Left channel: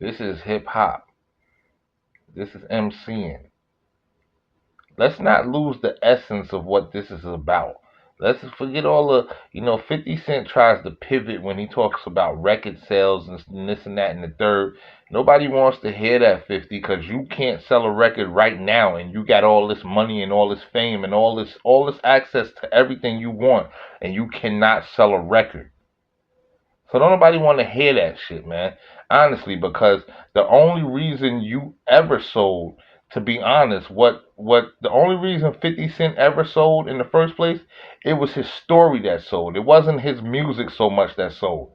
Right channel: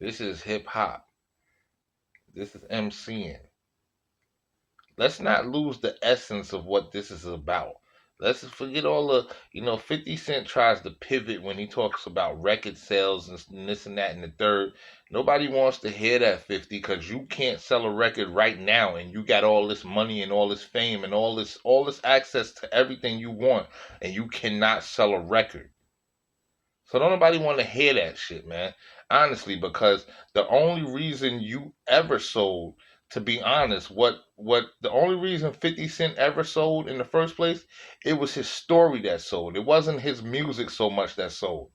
This is hip hop. This is MCing. Let's not lose the essence of what this is about. Let's forget all the, 50 Cent tries to pivot when he talks about record sales and this and that and the third. Nobody wants to hear that 50 because you can't sell a record right now and you got all this money and all this fame and all this access to everything you want and you cannot sell a record. So don't nobody want to hear that shit, man. Honestly, because the only reason you ever sold, to be honest, what the only reason 50 Cent ever sold in the first place, it was his story that sold. It wasn't his music so much that sold.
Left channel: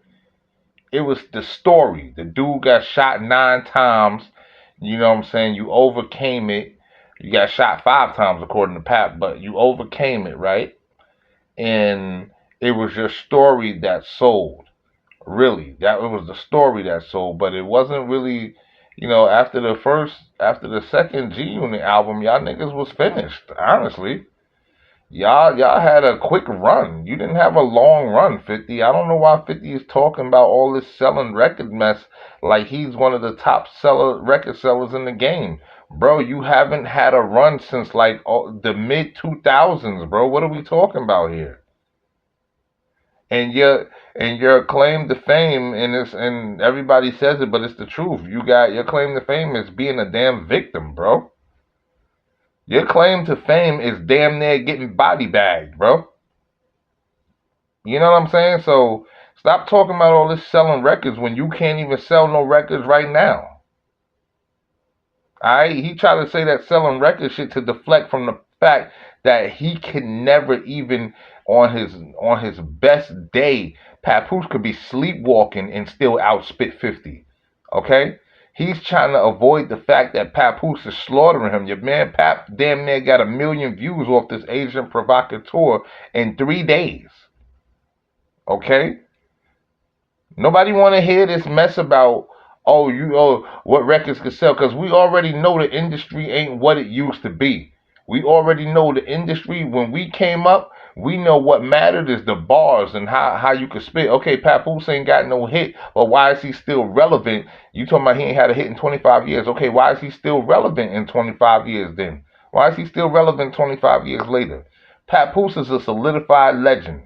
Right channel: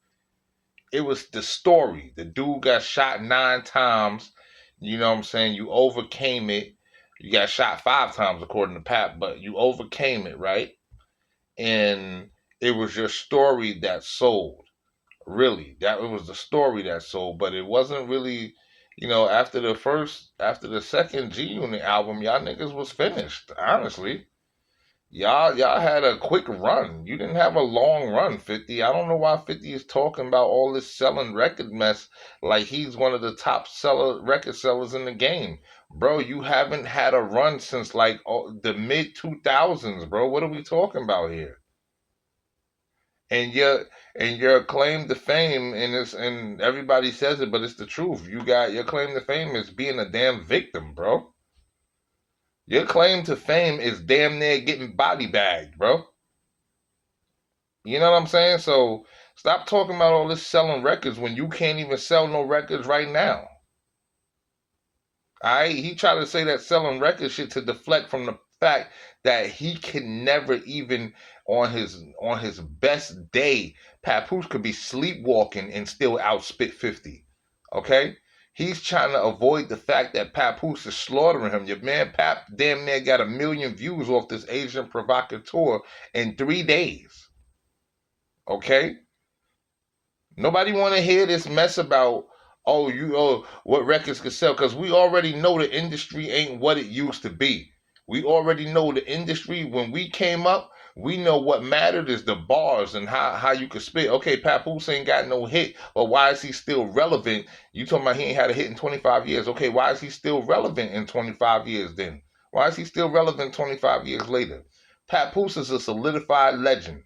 It was the story. The dude got shot 9 times. You know what I'm saying? You overcame it. You got shot 5 times according to Pap, but you overcame it, right? And it was your story that sold. Really, that it was the story that sold, but it wasn't really, after the second G Unit album, y'all niggas was finished. Honestly, y'all had a quick run. You didn't have a long run, 50. I don't know why 50 is talking about all this selling record mess like he's one of the top record sellers in the game. Bro, you haven't had a run since like the mid 2000s, bro. What are we talking about here? And your claim to fame, and everybody says it, but it's the truth. You got your claim to fame is being a damn victim, bro. Your claim to fame is damn near getting body bagged, bro. You know what I'm saying? So stop talking about all this selling records when you can't even sell no records right now. He tried to say that selling record shit to deflect from the fact that he can never even on his best day, Papoose could be sleepwalking and still outspit 50. Okay? He's trying to avoid the fact that Papoose is slaughtering him. Your man Pap damn near got 1 million views off this Asian provocateur in 3 days. Okay? Nobody want to hear this mess about what records could sell because we already know the industry ain't what it used to be. We already know the industry when we came up. We know what mattered is the bars and how you could spit. Okay, Papoose ain't got no hit, but why is he still relevant? You talking about he ain't had a hit in 25 years. Okay, why is he still relevant in 25 years then? Why is he still relevant 25 years later? Papoose is a solidified legend.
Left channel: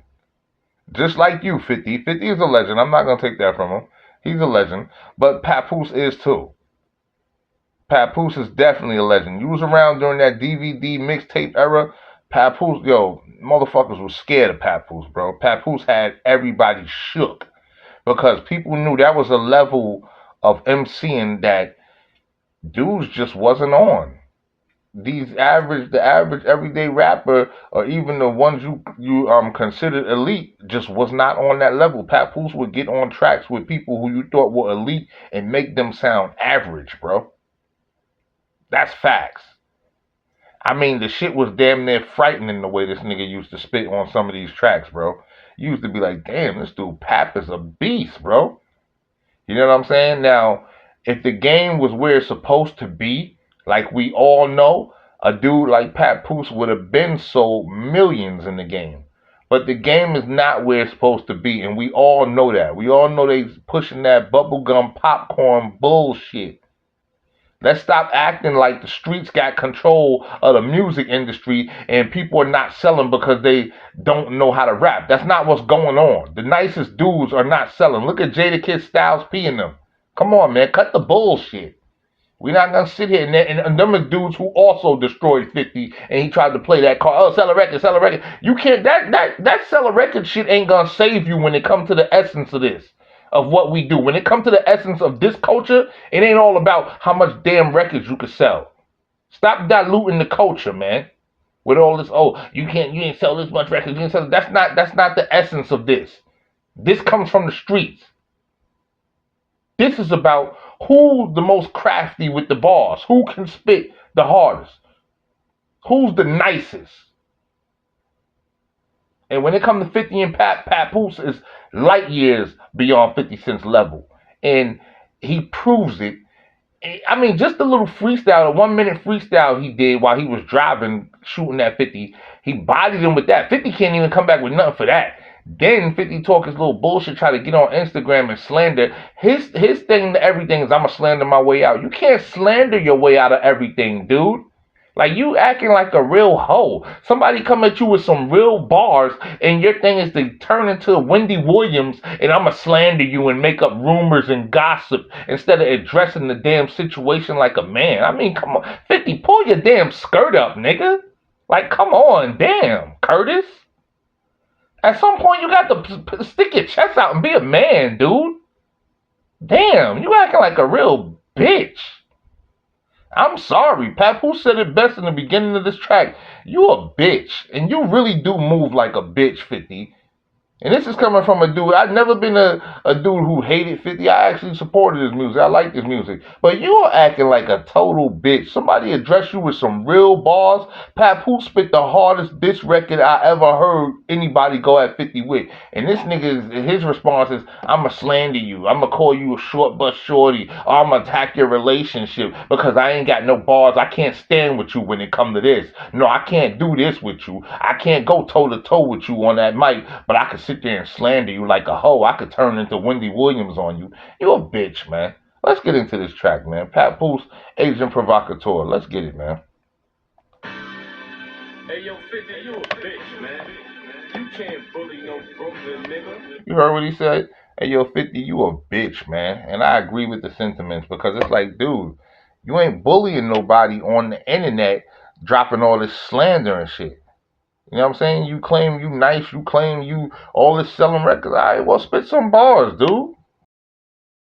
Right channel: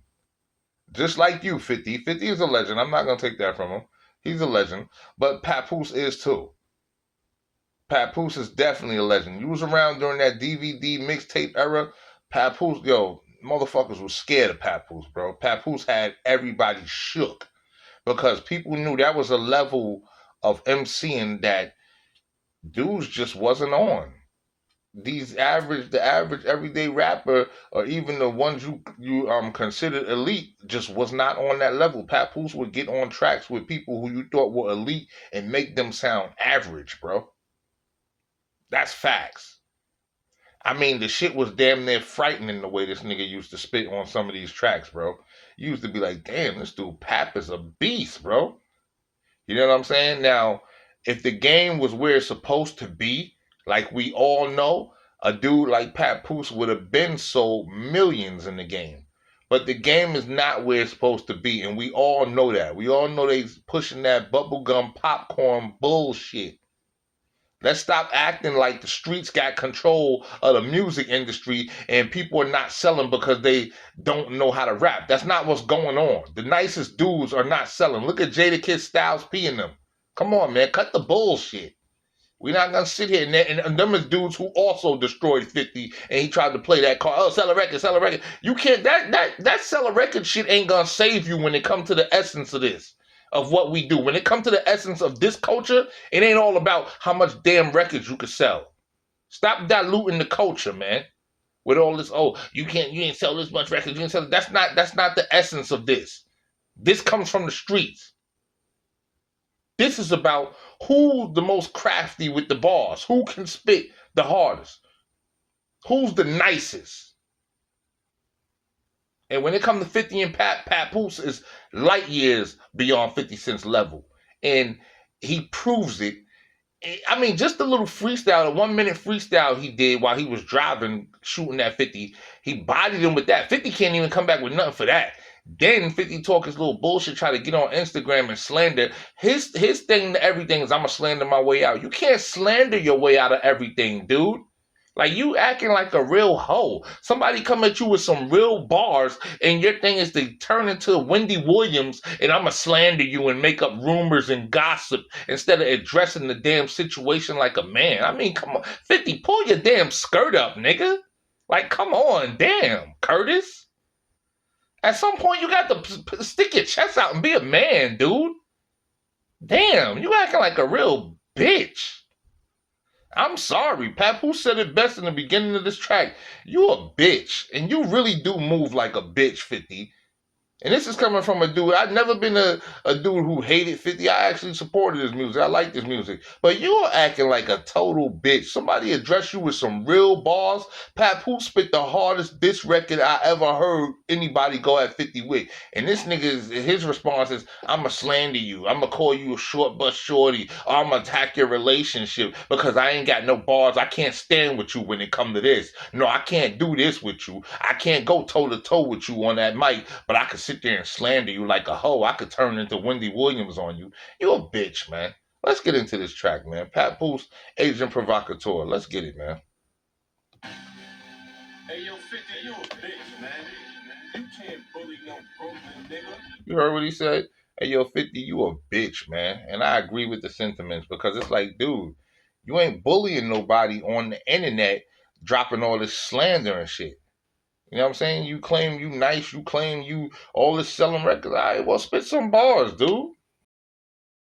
Just like you, 50. 50 is a legend. I'm not going to take that from him. He's a legend. But Papoose is too. Papoose is definitely a legend. You was around during that DVD mixtape era. Papoose, motherfuckers was scared of Papoose, bro. Papoose had everybody shook because people knew that was a level of MCing that dudes just wasn't on. The average everyday rapper, or even the ones you considered elite, just was not on that level. Papoose would get on tracks with people who you thought were elite and make them sound average, bro. That's facts. I mean, the shit was damn near frightening the way this nigga used to spit on some of these tracks, bro. You used to be like, damn, this dude Pap is a beast, bro. You know what I'm saying? Now, if the game was where it's supposed to be, like we all know, a dude like Papoose would have been sold millions in the game. But the game is not where it's supposed to be, and we all know that. We all know they pushing that bubblegum popcorn bullshit. Let's stop acting like the streets got control of the music industry and people are not selling because they don't know how to rap. That's not what's going on. The nicest dudes are not selling. Look at Jadakiss, Styles P and them. Come on, man. Cut the bullshit. We're not gonna sit here and them is dudes who also destroyed 50 and he tried to play that card. Oh, sell a record, sell a record. You can't that sell a record shit ain't gonna save you when it comes to the essence of this. Of what we do. When it comes to the essence of this culture, it ain't all about how much damn records you can sell. Stop diluting the culture, man. With all this, you ain't sell this much records, you ain't sell that's not the essence of this. This comes from the streets. This is about who's the most crafty with the bars, who can spit the hardest, who's the nicest. And when it comes to 50 and Papoose is light years beyond 50 Cent's level. And he proves it. I mean, just the little freestyle, the 1 minute freestyle he did while he was driving, shooting that 50, he bodied him with that. 50 can't even come back with nothing for that. Then 50 talk his little bullshit, try to get on Instagram and slander. His thing to everything is I'ma slander my way out. You can't slander your way out of everything, dude. Like you acting like a real hoe. Somebody come at you with some real bars, and your thing is to turn into Wendy Williams, and I'ma slander you and make up rumors and gossip instead of addressing the damn situation like a man. I mean, come on, 50, pull your damn skirt up, nigga. Like, come on, damn, Curtis. At some point, you got to stick your chest out and be a man, dude. Damn, you acting like a real bitch. I'm sorry. Papoose said it best in the beginning of this track. You a bitch. And you really do move like a bitch, 50. And this is coming from a dude. I've never been a dude who hated 50. I actually supported his music. I like his music. But you're acting like a total bitch. Somebody address you with some real bars. Papoose spit the hardest diss record I ever heard anybody go at 50 with. And this nigga, his response is, I'ma slander you. I'ma call you a short bus shorty. Or I'ma attack your relationship because I ain't got no bars. I can't stand with you when it come to this. No, I can't do this with you. I can't go toe to toe with you on that mic. But I can sit there and slander you like a hoe. I could turn into Wendy Williams on you. You a bitch, man. Let's get into this track, man. Papoose, Agent Provocateur. Let's get it, man. Hey, yo, 50, you a bitch, man. You can't bully no Brooklyn nigga. You heard what he said? Hey, yo, 50, you a bitch, man. And I agree with the sentiments because it's like, dude, you ain't bullying nobody on the internet dropping all this slander and shit. You know what I'm saying? You claim you nice, you claim you all this selling records. All right, well, spit some bars, dude.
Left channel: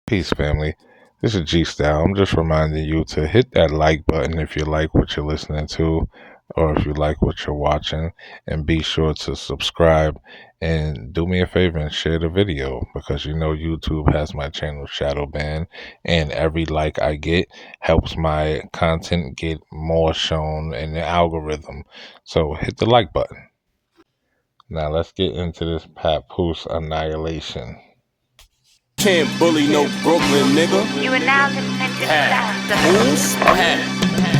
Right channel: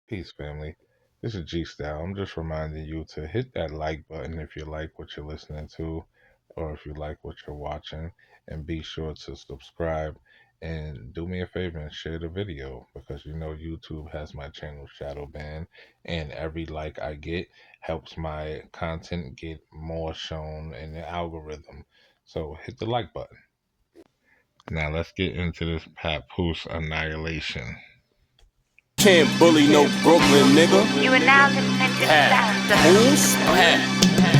Peace, family. This is G Style. I'm just reminding you to hit that like button if you like what you're listening to or if you like what you're watching, and be sure to subscribe and do me a favor and share the video because you know YouTube has my channel shadow banned, and every like I get helps my content get more shown in the algorithm. So hit the like button. Now let's get into this Papoose Annihilation. Can't bully no Brooklyn nigga. You are now listening to the sounds of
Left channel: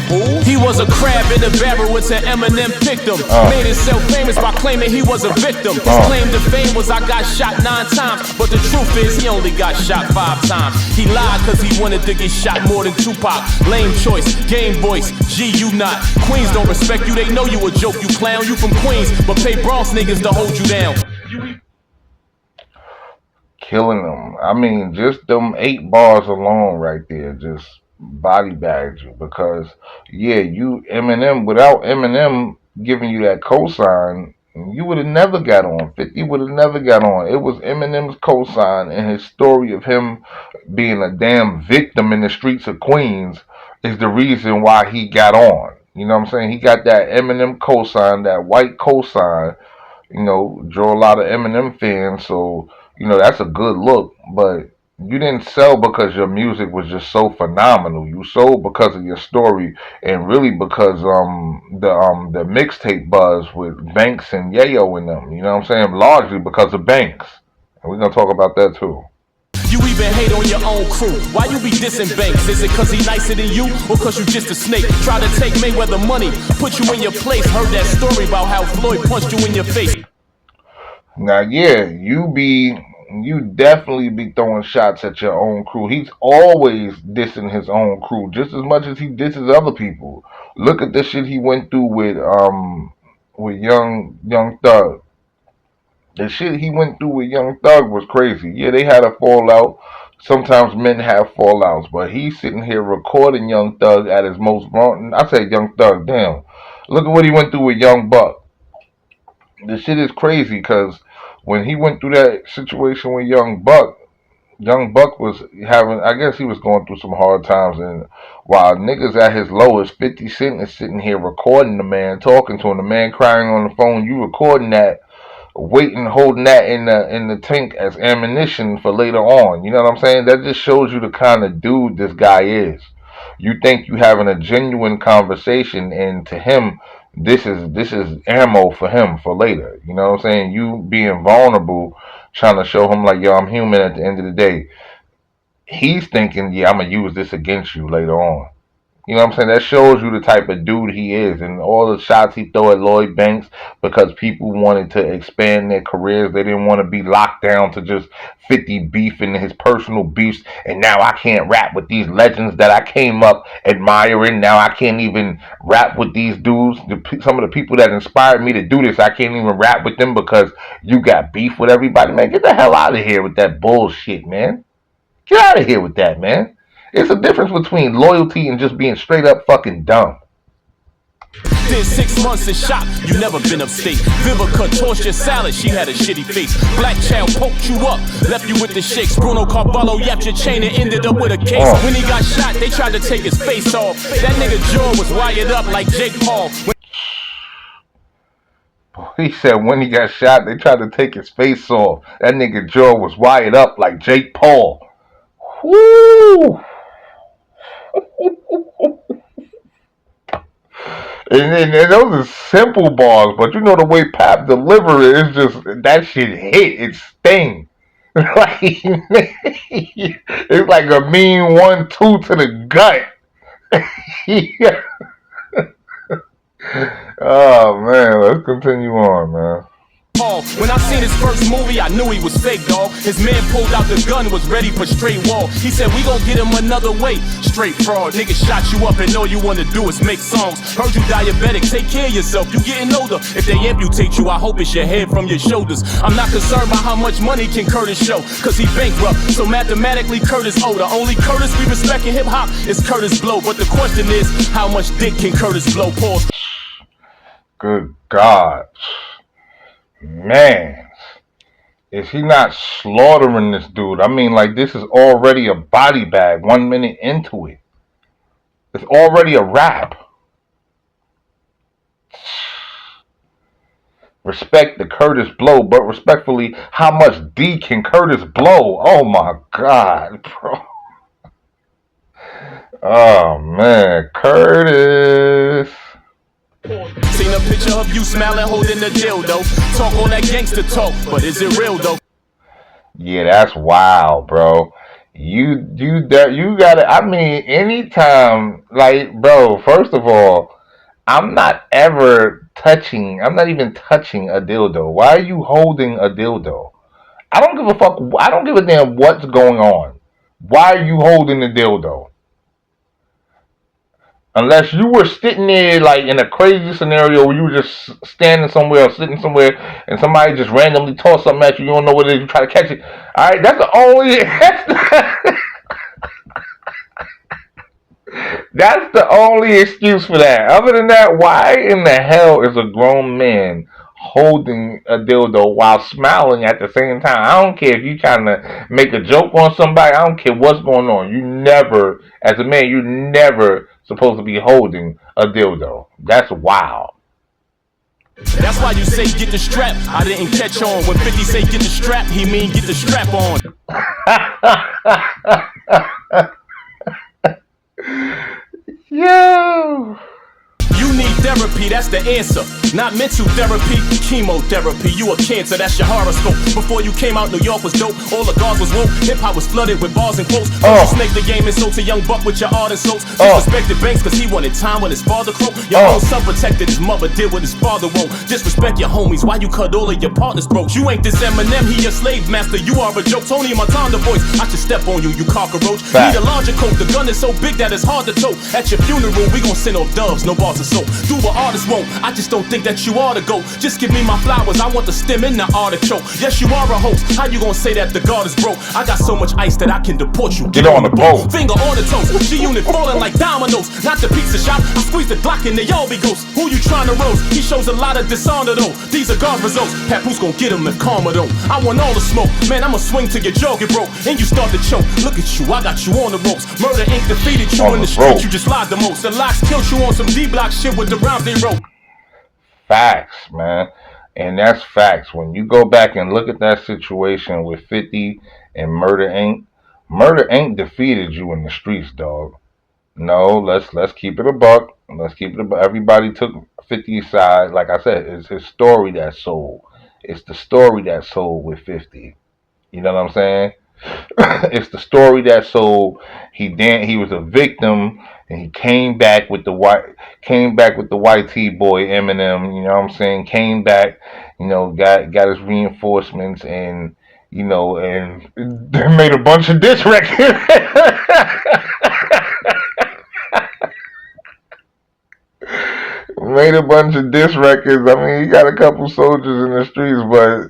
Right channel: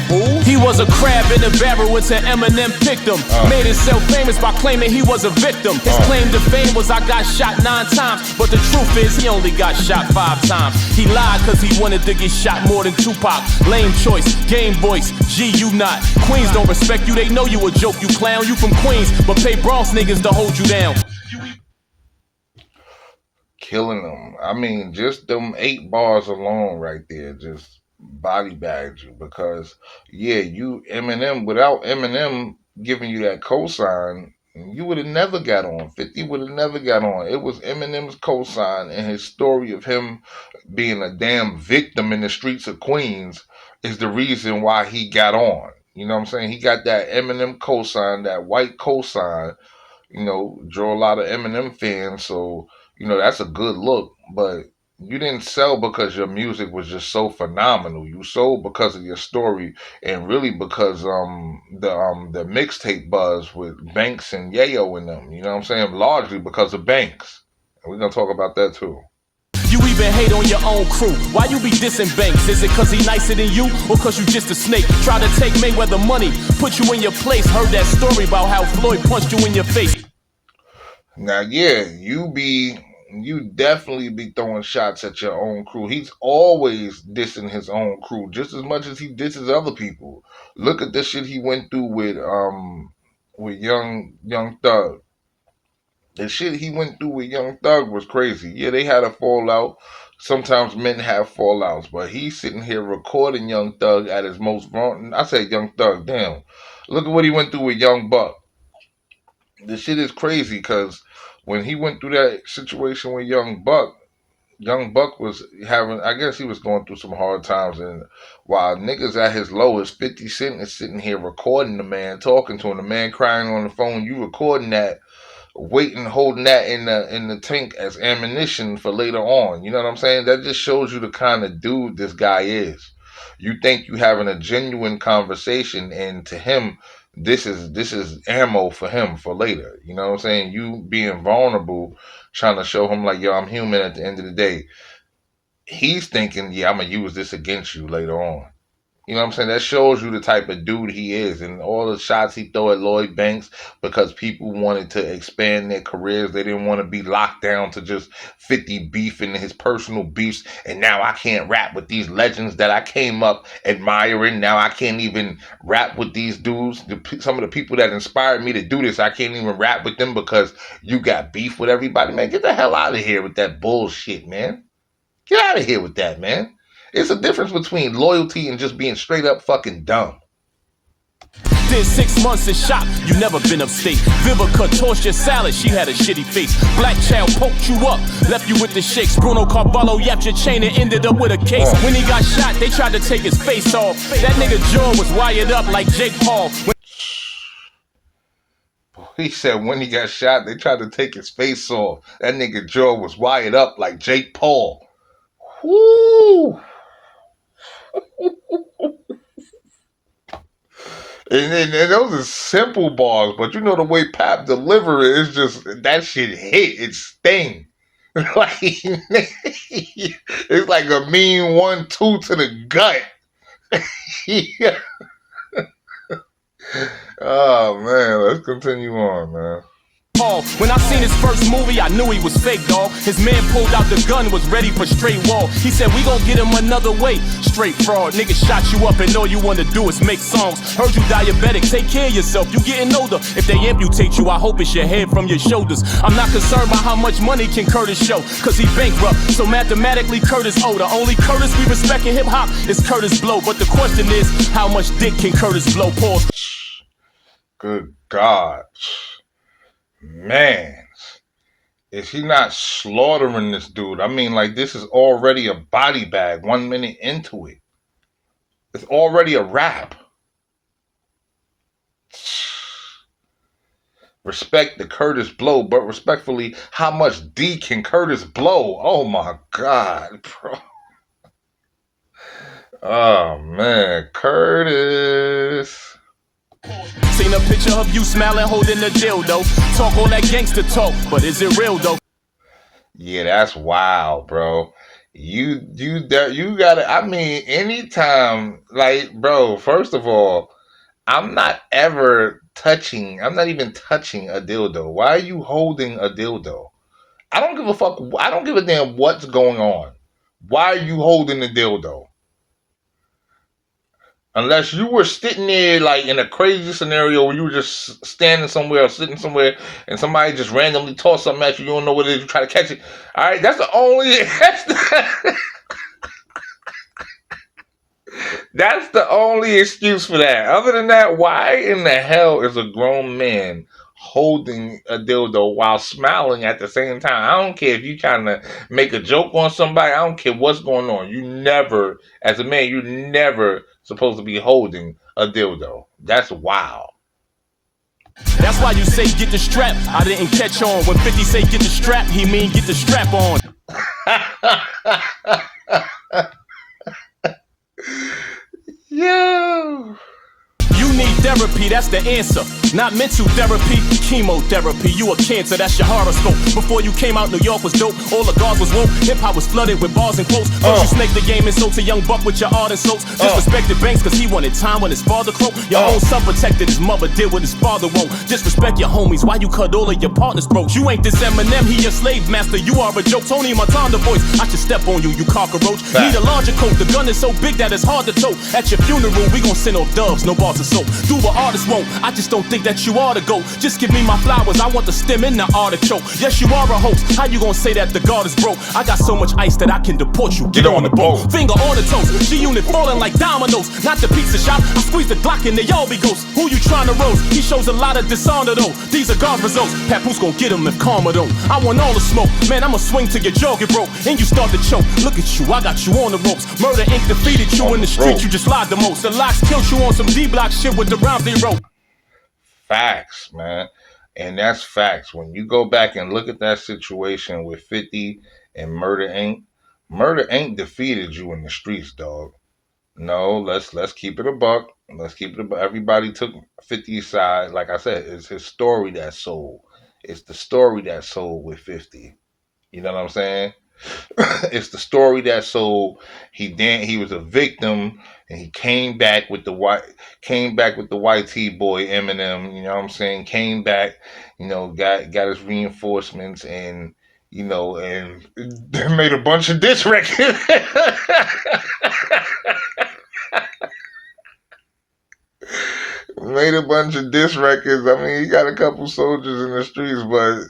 Who's? He was a crab in a barrel until Eminem picked him. Made himself famous by claiming he was a victim. His claim to fame was I got shot 9 times, but the truth is he only got shot 5 times. He lied cause he wanted to get shot more than Tupac. Lame choice, game voice, G you not. Queens don't respect you, they know you a joke, you clown. You from Queens, but pay Bronx niggas to hold you down. Killing them. I mean, just them 8 bars alone right there just body bagged you because, yeah, you Eminem, without Eminem giving you that cosign, you would have never got on. 50 would have never got on. It was Eminem's cosign and his story of him being a damn victim in the streets of Queens is the reason why he got on. You know what I'm saying? He got that Eminem cosign, that white cosign. You know, draw a lot of Eminem fans, so you know that's a good look. But you didn't sell because your music was just so phenomenal. You sold because of your story, and really because the mixtape buzz with Banks and Yayo in them. You know what I'm saying? Largely because of Banks, and we're gonna talk about that too. You even hate on your own crew. Why you be dissing Banks? Is it cause he nicer than you or cause you just a snake? Try to take Mayweather money, put you in your place. Heard that story about how Floyd punched you in your face. Now, yeah, you definitely be throwing shots at your own crew. He's always dissing his own crew just as much as he disses other people. Look at the shit he went through with Young Thug. The shit he went through with Young Thug was crazy. Yeah, they had a fallout. Sometimes men have fallouts, but he's sitting here recording Young Thug at his most vulnerable. I say Young Thug, damn. Look at what he went through with Young Buck. The shit is crazy because when he went through that situation with Young Buck was having, I guess he was going through some hard times, and while niggas at his lowest, 50 Cent is sitting here recording the man, talking to him, the man crying on the phone, you recording that, waiting, holding that in the tank as ammunition for later on. You know what I'm saying? That just shows you the kind of dude this guy is. You think you having a genuine conversation, and to him, this is ammo for him for later. You know what I'm saying? You being vulnerable, trying to show him like, yo, I'm human at the end of the day. He's thinking, yeah, I'm gonna use this against you later on. You know what I'm saying? That shows you the type of dude he is, and all the shots he throw at Lloyd Banks because people wanted to expand their careers. They didn't want to be locked down to just 50 beef and his personal beefs. And now I can't rap with these legends that I came up admiring. Now I can't even rap with these dudes. Some of the people that inspired me to do this, I can't even rap with them because you got beef with everybody. Man, get the hell out of here with that bullshit, man. Get out of here with that, man. It's a difference between loyalty and just being straight up fucking dumb. Did 6 months in shop, you never been upstate. Vivica tossed your salad, she had a shitty face. Black child poked you up, left you with the shakes. Bruno Carvalho yapped your chain and ended up with a case. When he got shot, they tried to take his face off. That nigga jaw was wired up like Jake Paul. He said when he got shot, they tried to take his face off. That nigga jaw was wired up like Jake Paul. Woo! And those are simple bars, but you know the way Pap deliver it, it's just that shit hit, it sting. Like it's like a mean 1-2 to the gut. Yeah. Oh man, let's continue on, man. When I seen his first movie, I knew he was fake, dawg. His man pulled out the gun, was ready for straight wall. He said, we gon' get him another way. Straight fraud. Nigga shot you up and all you wanna do is make songs. Heard you diabetic, take care of yourself. You getting older. If they amputate you, I hope it's your head from your shoulders. I'm not concerned about how much money can Curtis show, cause he bankrupt. So mathematically, Curtis owe. The only Curtis we respect in hip hop is Curtis Blow. But the question is, how much dick can Curtis blow? Pause. Good God. Man, is he not slaughtering this dude? I mean, like, this is already a body bag 1 minute into it. It's already a rap. Respect the Curtis Blow, but respectfully, how much D can Curtis blow? Oh my God, bro. Oh man, Curtis. Seen a picture of you smiling, holding the dildo. Talk all that gangster talk, but is it real though? Yeah, that's wild, bro. You got it. I mean, anytime, like, bro. First of all, I'm not even touching a dildo. Why are you holding a dildo? I don't give a fuck. I don't give a damn what's going on. Why are you holding the dildo? Unless you were sitting there like in a crazy scenario where you were just standing somewhere or sitting somewhere and somebody just randomly tossed something at you, you don't know what it is, you try to catch it. Alright, that's the only that's the only excuse for that. Other than that, why in the hell is a grown man holding a dildo while smiling at the same time? I don't care if you trying to make a joke on somebody. I don't care what's going on. You never, as a man, you never supposed to be holding a dildo. That's wild. That's why you say get the strap. I didn't catch on. When 50 say get the strap, he mean get the strap on. Yo. You need therapy, that's the answer. Not mental therapy, chemotherapy. You a cancer, that's your horoscope. Before you came out, New York was dope. All the guards was woke. Hip hop was flooded with bars and quotes. First you snake the game and sold to Young Buck with your art and soaps. Disrespected Banks cause he wanted time when his father croaked. Your own son protected his mother, did what his father won't. Disrespect your homies, why you cut all of your partners' throats? You ain't this Eminem, he your slave master. You are a joke, Tony Montana voice. I should step on you, you cockroach. Need a larger coat, the gun is so big that it's hard to tote. At your funeral, we gon' send off doves, no bars of soap. Do what artists won't, I just don't think that you ought to go. Just give me my flowers, I want the stem in the artichoke. Yes, you are a host, how you gonna say that the guard is broke? I got so much ice that I can deport you, get on the boat. Finger on the toes, G-Unit falling like dominoes. Not the pizza shop, I squeeze the Glock and they all be ghosts. Who you trying to roast? He shows a lot of dishonor though. These are guard results, Papoose gon' get him if karma don't. I want all the smoke, man, I'ma swing till your jaw get broke. And you start to choke, look at you, I got you on the ropes. Murder Inc. defeated you in the street, you just lied the most. The locks killed you on some D-block shit with the rhymes they wrote. Facts, man. And that's facts. When you go back and look at that situation with 50 and Murder Inc., Murder Inc. defeated you in the streets, dog. No, let's keep it a buck. Let's keep it a buck. Everybody took 50's side. Like I said, it's his story that sold. It's the story that sold with 50. You know what I'm saying? It's the story that sold. He was a victim, and he came back with the YT boy Eminem. You know what I'm saying? Came back, got his reinforcements, and and made a bunch of diss records. Made a bunch of diss records. I mean, he got a couple soldiers in the streets, but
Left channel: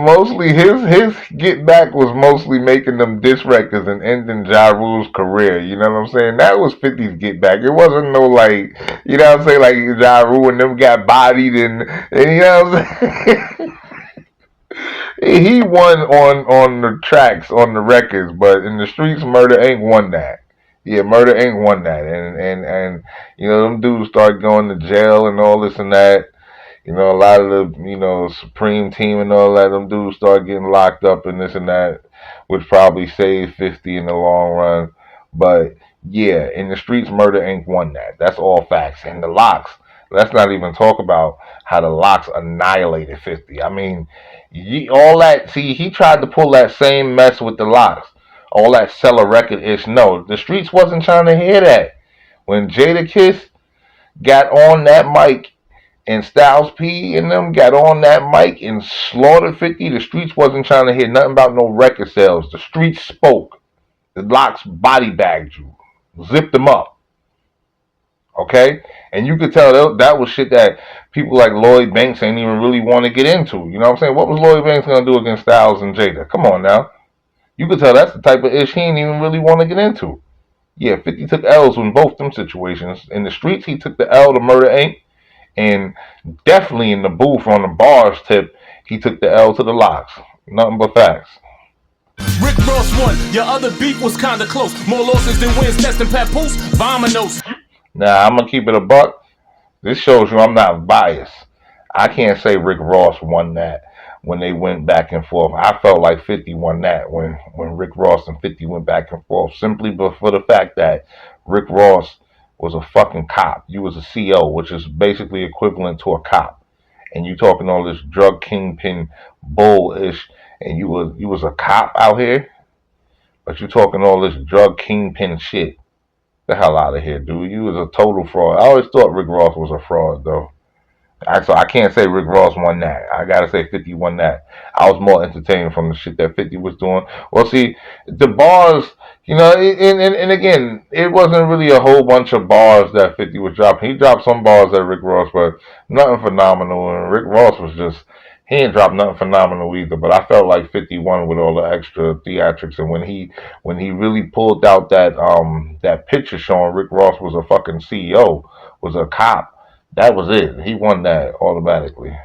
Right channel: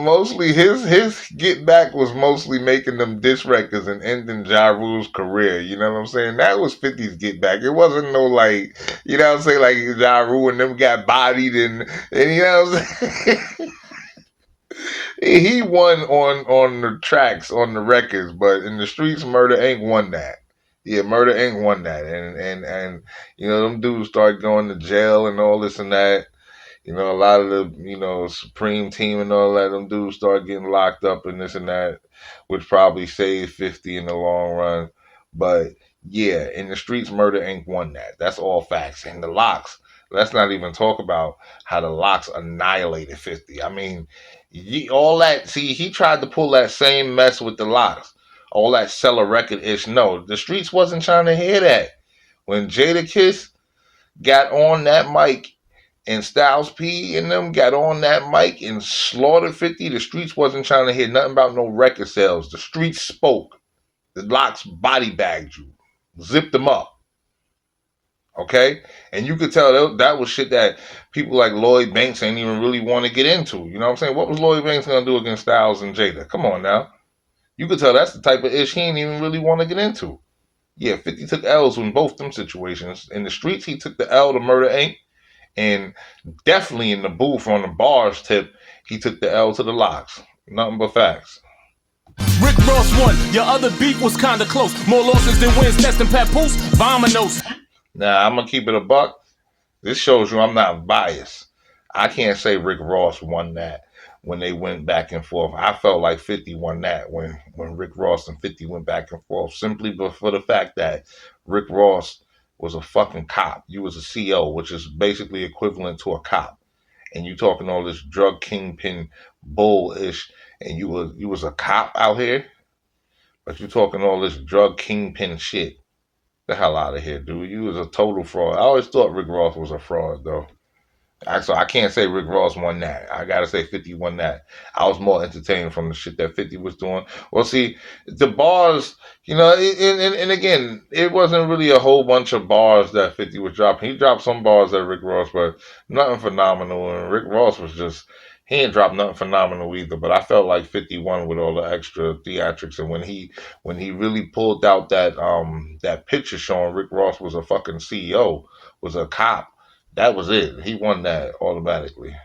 mostly his get back was mostly making them diss records and ending Ja Rule's career. You know what I'm saying? That was 50's get back. It wasn't no like, you know what I'm saying, like Ja Rule and them got bodied and you know what I'm saying? He won on the tracks, on the records, but in the streets, Murder Inc. won that. Yeah, Murder Inc. won that, and them dudes started going to jail and all this and that. A lot of the Supreme Team and all that, them dudes started getting locked up and this and that, which probably saved 50 in the long run. But yeah, in the streets, Murder Inc. won that. That's all facts. And the Locks, let's not even talk about how the Locks annihilated 50. I mean, all that. See, he tried to pull that same mess with the Locks. All that sell a record ish. No, the streets wasn't trying to hear that. When Jadakiss got on that mic and Styles P and them got on that mic and slaughtered 50, the streets wasn't trying to hear nothing about no record sales. The streets spoke. The Locks body bagged you, zipped them up. Okay? And you could tell that was shit that people like Lloyd Banks ain't even really want to get into. You know what I'm saying? What was Lloyd Banks going to do against Styles and Jada? Come on now. You could tell that's the type of ish he ain't even really want to get into. Yeah, 50 took L's in both them situations. In the streets, he took the L to Murder Inc. And definitely in the booth on the bars tip, he took the L to the Locks. Nothing but facts. Rick Ross won. Your other beef was kinda close. More losses than wins. Testing Papoose. Vominos. Now, I'm going to keep it a buck. This shows you I'm not biased. I can't say Rick Ross won that when they went back and forth. I felt like 50 won that when Rick Ross and 50 went back and forth, simply for the fact that Rick Ross was a fucking cop. You was a CO, which is basically equivalent to a cop. And you talking all this drug kingpin bull-ish, and you was a cop out here, but you talking all this drug kingpin shit. The hell out of here, dude. You was a total fraud. I always thought Rick Ross was a fraud, though. So I can't say Rick Ross won that. I gotta say 50 won that. I was more entertained from the shit that 50 was doing. Well, see, the bars, and again, it wasn't really a whole bunch of bars that 50 was dropping. He dropped some bars at Rick Ross, but nothing phenomenal. And Rick Ross was just, he ain't dropped nothing phenomenal either. But I felt like 51 with all the extra theatrics, and when he really pulled out that picture showing Rick Ross was a fucking CEO, was a cop. That was it. He won that automatically.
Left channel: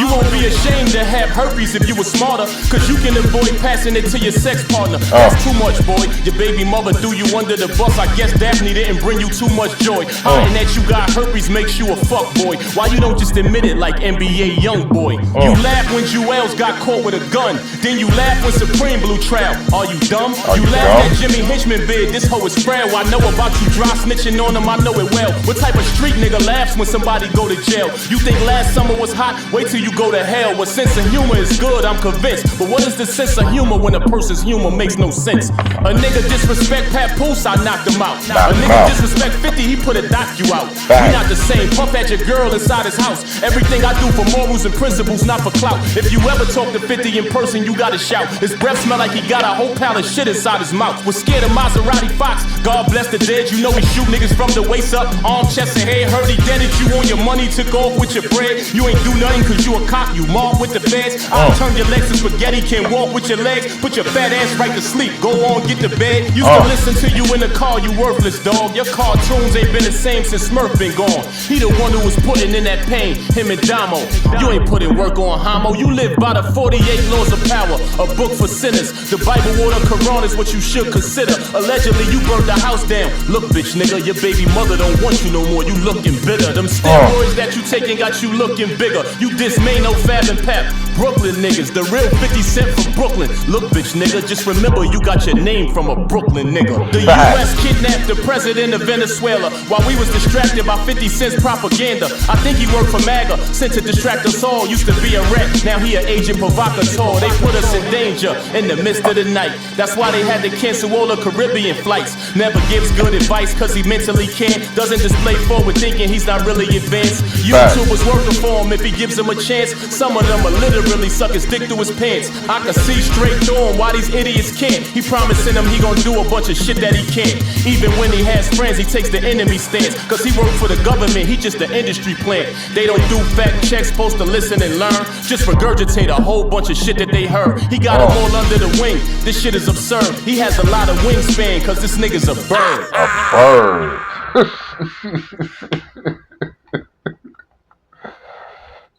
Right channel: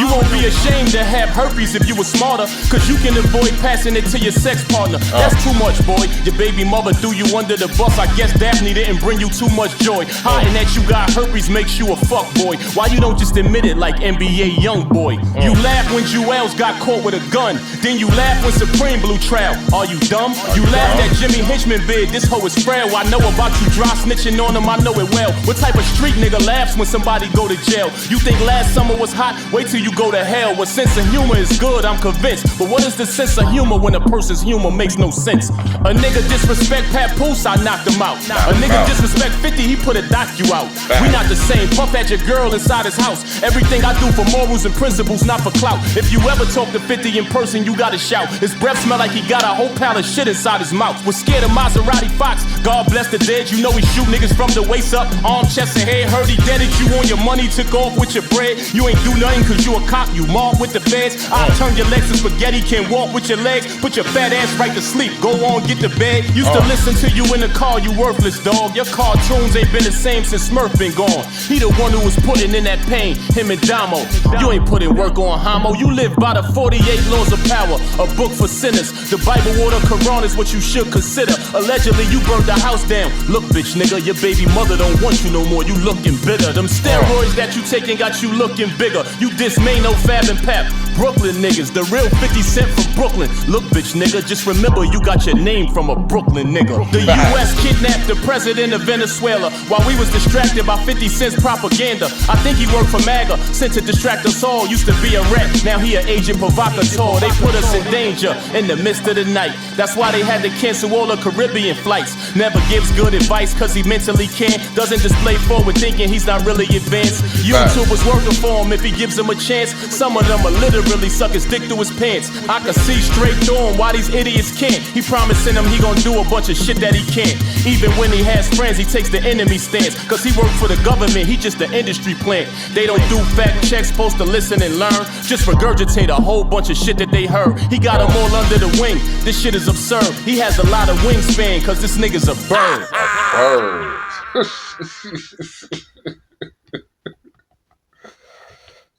You won't be ashamed to have herpes if you were smarter, cause you can avoid passing it to your sex partner. That's too much, boy. Your baby mother threw you under the bus. I guess Daphne didn't bring you too much joy. Hiding that you got herpes makes you a fuck boy. Why you don't just admit it like NBA young boy? You laugh when Jewels got caught with a gun, then you laugh when Supreme blew trial. Are you dumb? You laugh at Jimmy Hinchman bid. This hoe is frail. I know about you dry snitching on him. I know it well. What type of street nigga laughs when somebody go to jail? You think last summer was hot? Wait till you go to hell. What sense of humor is good, I'm convinced. But what is the sense of humor when a person's humor makes no sense? A nigga disrespect Papoose, I knocked him out. A nigga disrespect 50, he put a doc you out. We not the same. Puff at your girl inside his house. Everything I do for morals and principles, not for clout. If you ever talk to 50 in person, you gotta shout. His breath smell like he got a whole pile of shit inside his mouth. Was scared of Maserati Fox. God bless the dead. You know he shoot niggas from the waist up, arm, chest, and head. Heard he deaded you on your money, took off with your bread. You ain't do nothing cause you a cop. You mob with the feds. I'll turn your legs to spaghetti. Can't walk with your legs. Put your fat ass right to sleep. Go on, get to bed. Used to listen to you in the car, you worthless dog. Your cartoons ain't been the same since Smurf been gone. He the one who was putting in that pain, him and Damo. You ain't putting work on homo. You live by the 48 laws of power, a book for sinners. The Bible or the Quran is what you should consider. Allegedly, you burned the house down. Look, bitch, nigga, your baby mother don't want you no more. You looking bitter. Them steroids that you taking got you looking bigger. You dismay no Fab and Pap. Brooklyn niggas, the real 50 Cent from Brooklyn. Look, bitch nigga, just remember you got your name from a Brooklyn nigga. The US kidnapped the president of Venezuela while we was distracted by 50 Cent's propaganda. I think he worked for MAGA, sent to distract us all. Used to be a rat, now he an agent provocateur. They put us in danger in the midst of the night. That's why they had to cancel all the Caribbean flights. Never gives good advice cause he mentally can't. Doesn't display forward thinking, he's not really advanced. YouTube was working for him if he gives him a chance. Some of them will literally suck his dick through his pants. I can see straight through him why these idiots can't. He promising them he gon' do a bunch of shit that he can't. Even when he has friends, he takes the enemy stance. Cause he works for the government, he just the industry plant. They don't do fact checks, supposed to listen and learn. Just regurgitate a whole bunch of shit that they heard. He got them all under the wing, this shit is absurd. He has a lot of wingspan cause this nigga's a bird.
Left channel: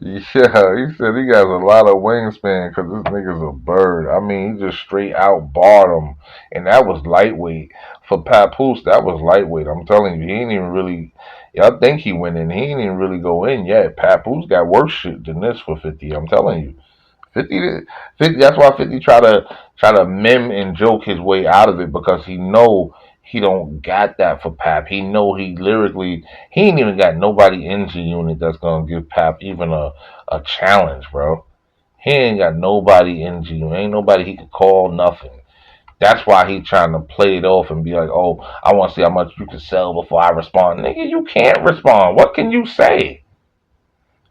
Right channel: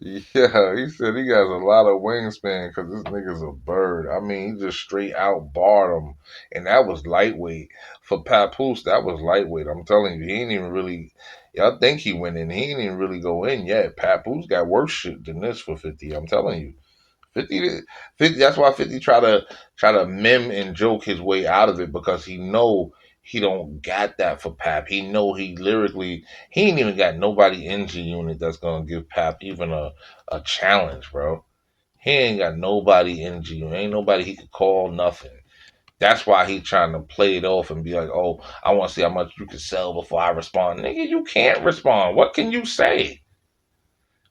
Yeah, he said he got a lot of wingspan because this nigga's a bird. I mean, he just straight out barred him. And that was lightweight. For Papoose, that was lightweight. I'm telling you, he ain't even really. Y'all think he went in. He ain't even really go in yet. Papoose got worse shit than this for 50. I'm telling you. 50, that's why 50 try to meme and joke his way out of it because he know he don't got that for Pap. He know he lyrically he ain't even got nobody in G Unit that's gonna give Pap even a challenge, bro. He ain't got nobody in G Unit. Ain't nobody he could call nothing. That's why he trying to play it off and be like, oh, I want to see how much you can sell before I respond. Nigga, you can't respond. What can you say?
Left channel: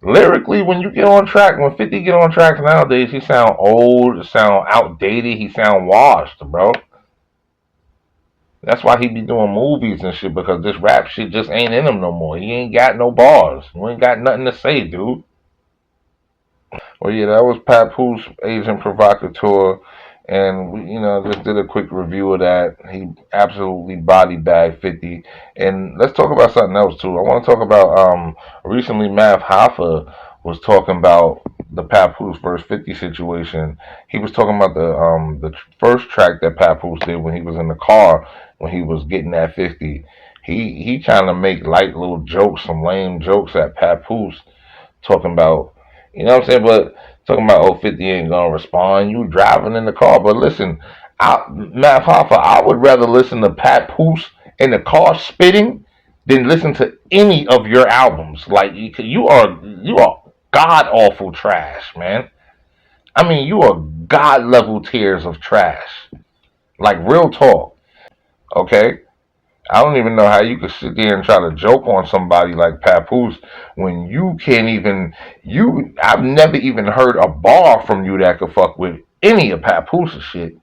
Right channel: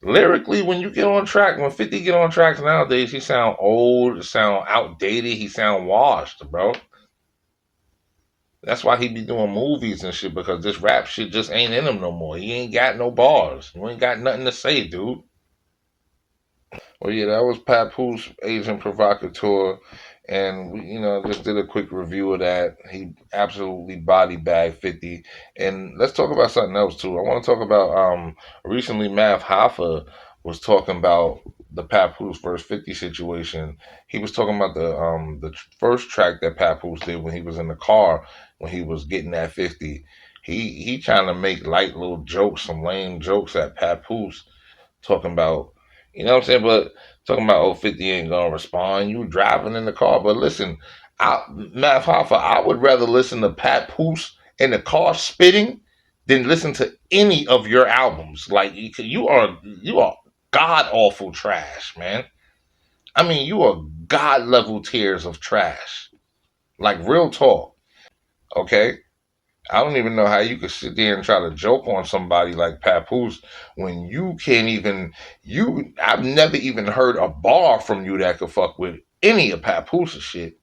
Lyrically, when you get on track, when 50 get on tracks nowadays, he sound old, sound outdated, he sound washed, bro. That's why he be doing movies and shit because this rap shit just ain't in him no more. He ain't got no bars. You ain't got nothing to say, dude. Well, yeah, that was Papoose, Agent Provocateur, and we, just did a quick review of that. He absolutely body bagged 50. And let's talk about something else too. I want to talk about recently Math Hoffa was talking about the Papoose versus 50 situation. He was talking about the first track that Papoose did when he was in the car when he was getting at 50. He trying to make light little jokes, some lame jokes at Papoose, talking about, you know what I'm saying? But talking about, oh, 50 ain't gonna respond. You driving in the car. But listen, Matt Hoffa, I would rather listen to Papoose in the car spitting than listen to any of your albums. Like you are god awful trash, man. I mean, you are god level tiers of trash. Like real talk. Okay? I don't even know how you could sit there and try to joke on somebody like Papoose when you can't even I've never even heard a bar from you that could fuck with any of Papoose's shit.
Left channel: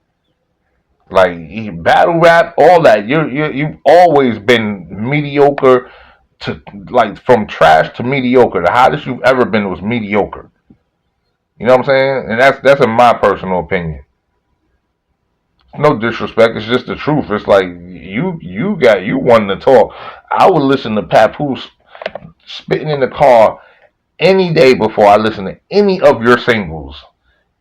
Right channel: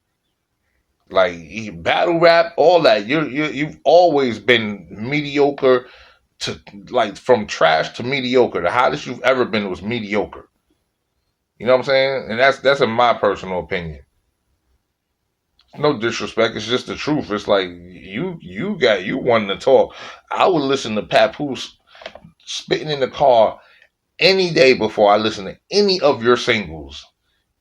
Like battle rap, all that. You've always been mediocre to like from trash to mediocre. The hottest you've ever been was mediocre. You know what I'm saying? And that's in my personal opinion. No disrespect, it's just the truth. It's like you wanting to talk. I would listen to Papoose spitting in the car any day before I listen to any of your singles.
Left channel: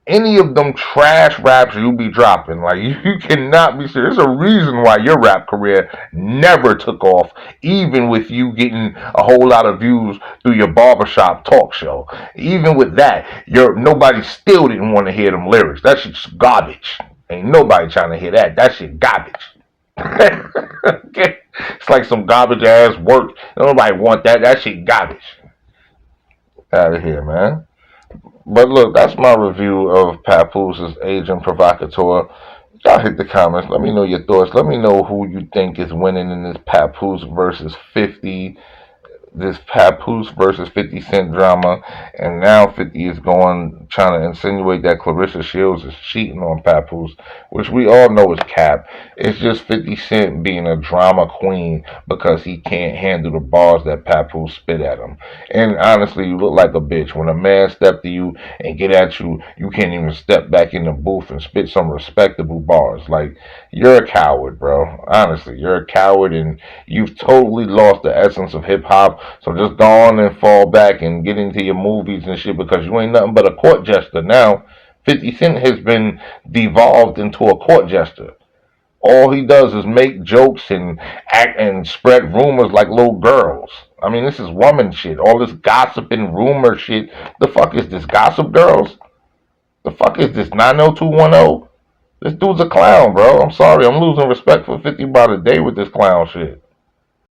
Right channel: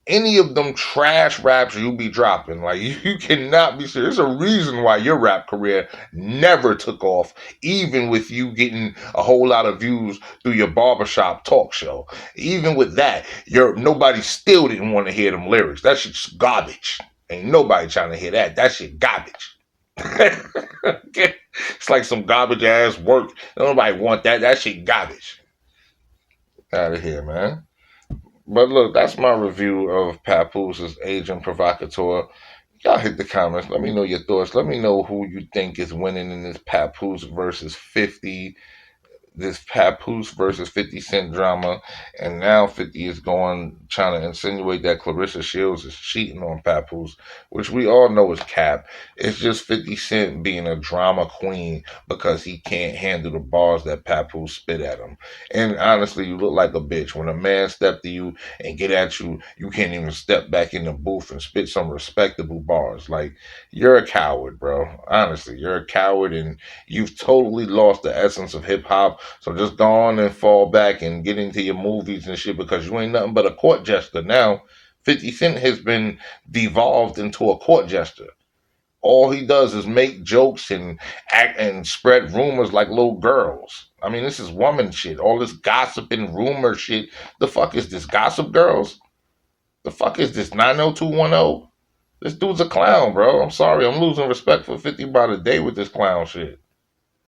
Any of them trash raps you be dropping. Like you cannot be serious. There's a reason why your rap career never took off, even with you getting a whole lot of views through your barbershop talk show. Even with that, nobody still didn't want to hear them lyrics. That shit's garbage. Ain't nobody trying to hear that. That shit garbage. Okay? It's like some garbage ass work. Nobody want that. That shit garbage. Out of here, man. But look, that's my review of Papoose's Agent Provocateur. Y'all hit the comments. Let me know your thoughts. Let me know who you think is winning in this Papoose versus 50. This Papoose versus 50 Cent drama, and now 50 is trying to insinuate that Clarissa Shields is cheating on Papoose, which we all know is cap. It's just 50 Cent being a drama queen because he can't handle the bars that Papoose spit at him. And honestly, you look like a bitch. When a man step to you and get at you, you can't even step back in the booth and spit some respectable bars. Like, you're a coward, bro. Honestly, you're a coward, and you've totally lost the essence of hip-hop. So just go on and fall back and get into your movies and shit because you ain't nothing but a court jester now. 50 Cent has been devolved into a court jester. All he does is make jokes and act and spread rumors like little girls. I mean, this is woman shit. All this gossip and rumor shit. The fuck is this? Gossip Girls? The fuck is this 90210? This dude's a clown, bro. I'm sorry. I'm losing respect for 50 by the day with this clown shit.